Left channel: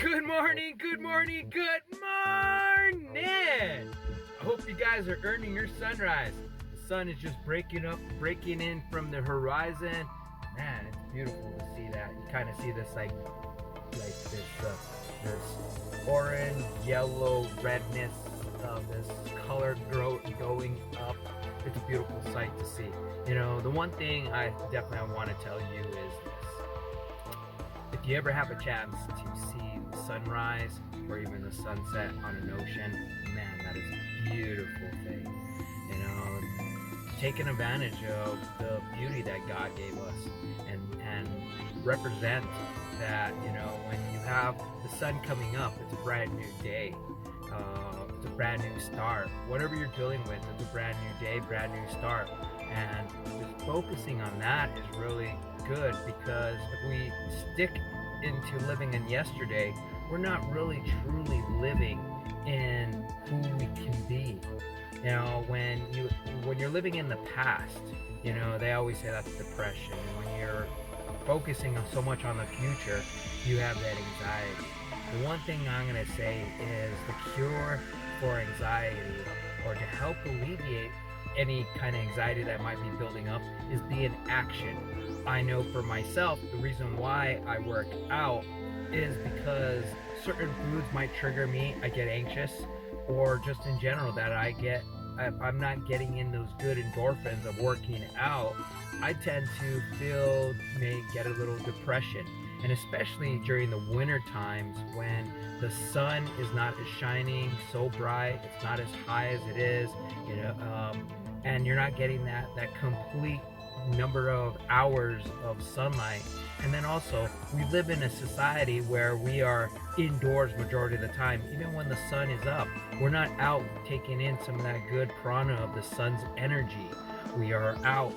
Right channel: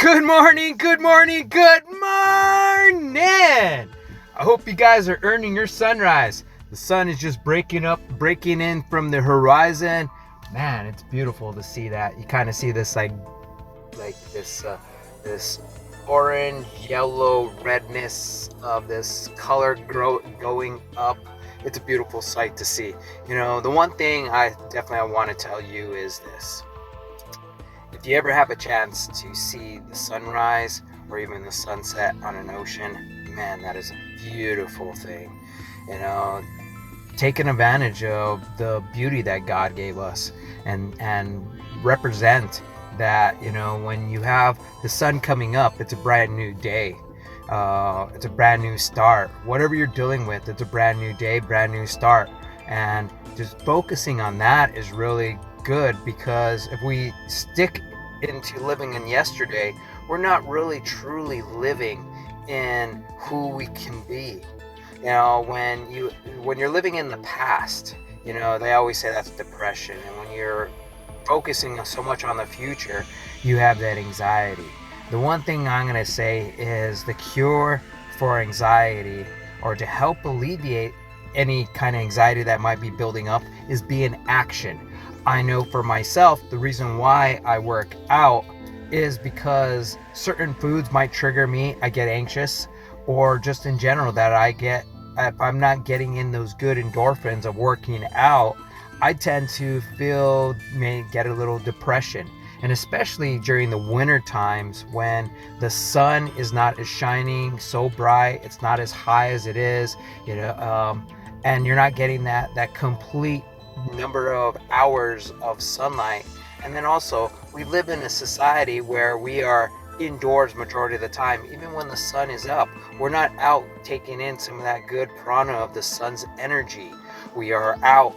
Good morning, good morning, good morning! I hope you guys are earning your sunrise. The sun is just breaking in from the horizon. Man, it's beautiful to see that. You kind of see this like this orange, yellow, redness of this color going up. It's a beautiful sight to see. You know, the one thing I definitely want to tell you is this. If you ever have a chance to see the sunrise or even the sunset on an ocean, man, that is a beautiful thing. You know, taking advantage of the beauty that God gave us and represent that, you know, when you have the sun coming up, it's a brand new day. It's a brand new start. Whatever you're dealing with, it's a brand new day, brand new start. And just focusing on that is really good, because if we stick into living in yesterday, we're not really truly living in who we can be. You know, when you're living in the past, you know, they always say that's depression. And when you're focusing so much on the future, you have that anxiety. The one thing I'm going to say is the cure for anxiety, or to help alleviate any kind of anxiety that might be building up, is be in action. I know for myself, the reason why I work out is because certain foods might trigger me. I get anxious, or just in general that if I'm not getting in those good endorphins of working out, I tend to get a little depression. And especially during the winter times when the sun is not as shining so bright, it's not as high as it is, you know, and you're not getting that complete number of hours of sunlight. And then also, we live in a society where we are indoors majority of the time. Even when the sun is up, we're not out taking in some of that good prana of the sun's energy. We are out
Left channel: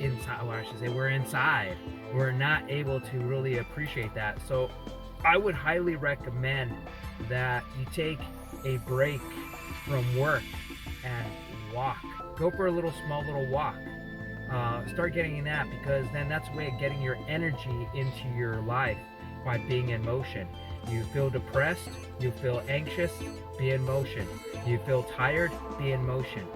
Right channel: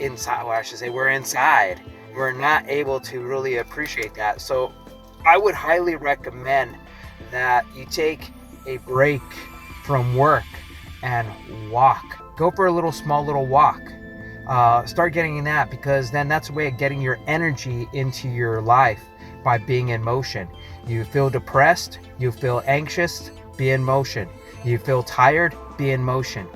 inside, well, I should say we're inside. We're not able to really appreciate that. So I would highly recommend that you take a break from work and walk. Go for a small little walk. Start getting in that, because then that's a way of getting your energy into your life by being in motion. You feel depressed, you feel anxious, be in motion. You feel tired, be in motion.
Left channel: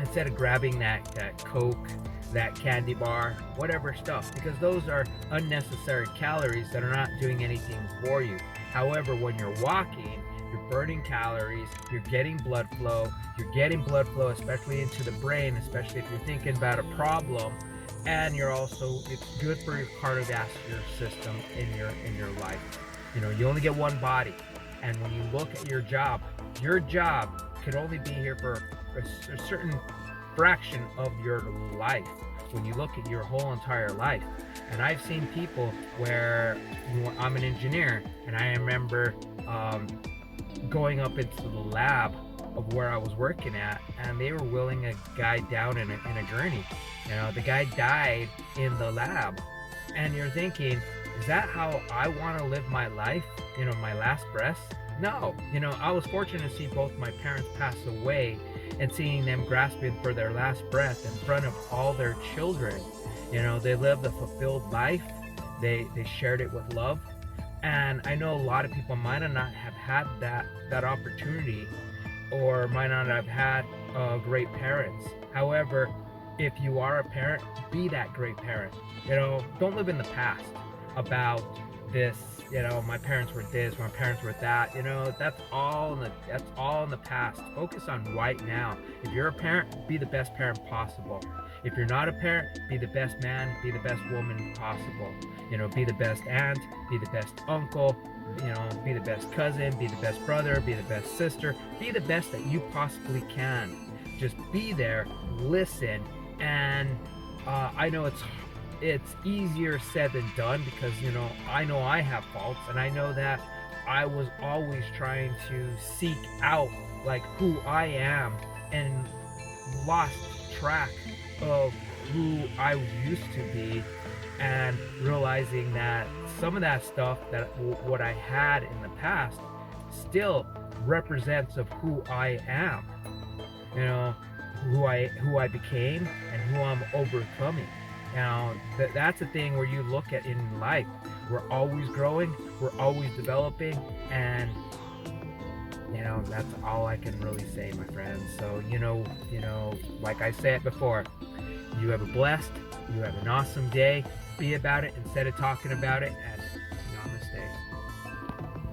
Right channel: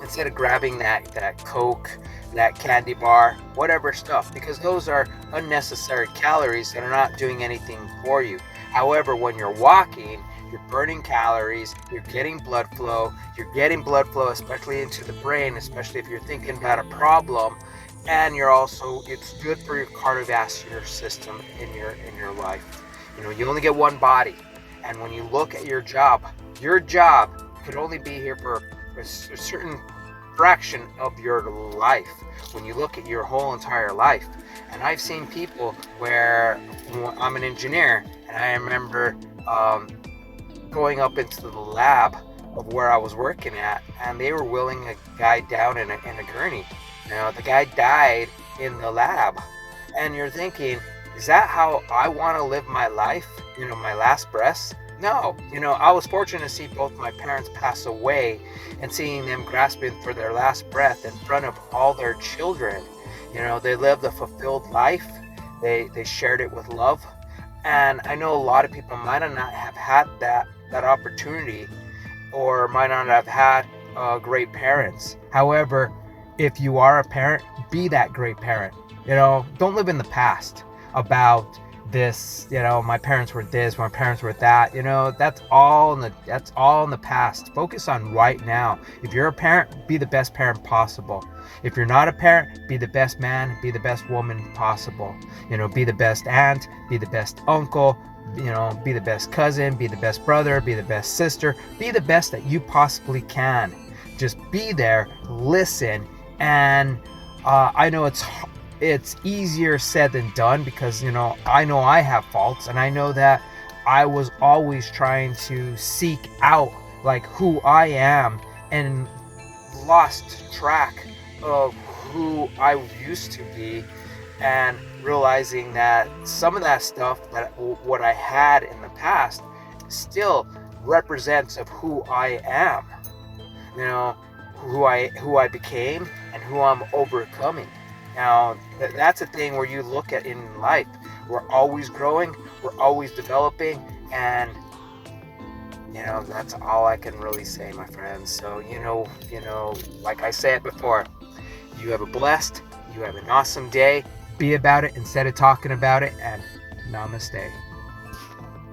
Instead of grabbing that Coke, that candy bar, whatever stuff, because those are unnecessary calories that are not doing anything for you. However, when you're walking, you're burning calories, you're getting blood flow, especially into the brain, especially if you're thinking about a problem, and it's good for your cardiovascular system in your life. You know, you only get one body, and when you look at your job could only be here for a certain fraction of your life. When you look at your whole entire life, and I've seen people where I'm an engineer, and I remember going up into the lab of where I was working at, and they were wheeling a guy down in a gurney. You know, the guy died in the lab, and you're thinking, is that how I want to live my life? You know, my last breaths? No. You know, I was fortunate to see both my parents pass away, and seeing them grasping for their last breath in front of all their children. You know, they lived a fulfilled life. They shared it with love. And I know a lot of people might not have had that opportunity, or might not have had great parents. However, if you are a parent, be that great parent. You know, don't live in the past about this, you know, my parents were this, my parents were that. You know, that's all in the past. Focus on right now. If you're a parent, be the best parent possible. If you're not a parent, be the best man, be the best woman possible. You know, be the best aunt, be the best uncle, you know, be the best cousin, be the best brother, be the best sister, be the best that you possibly can. Just be there, listen, and I know it's easier said than done, because, you know I have faults, and I know that I was always trying to seek out like who I am, and lost track of who I used to be, and realizing that some of that stuff, that what I had in the past, still represents of who I am. You know, who I became and who I'm overcoming. Now, that's a thing where you look at in life. We're always growing, we're always developing, and that's all I can really say, my friends. So, like I said before, you have a blessed, you have an awesome day. Be about it instead of talking about it, and namaste.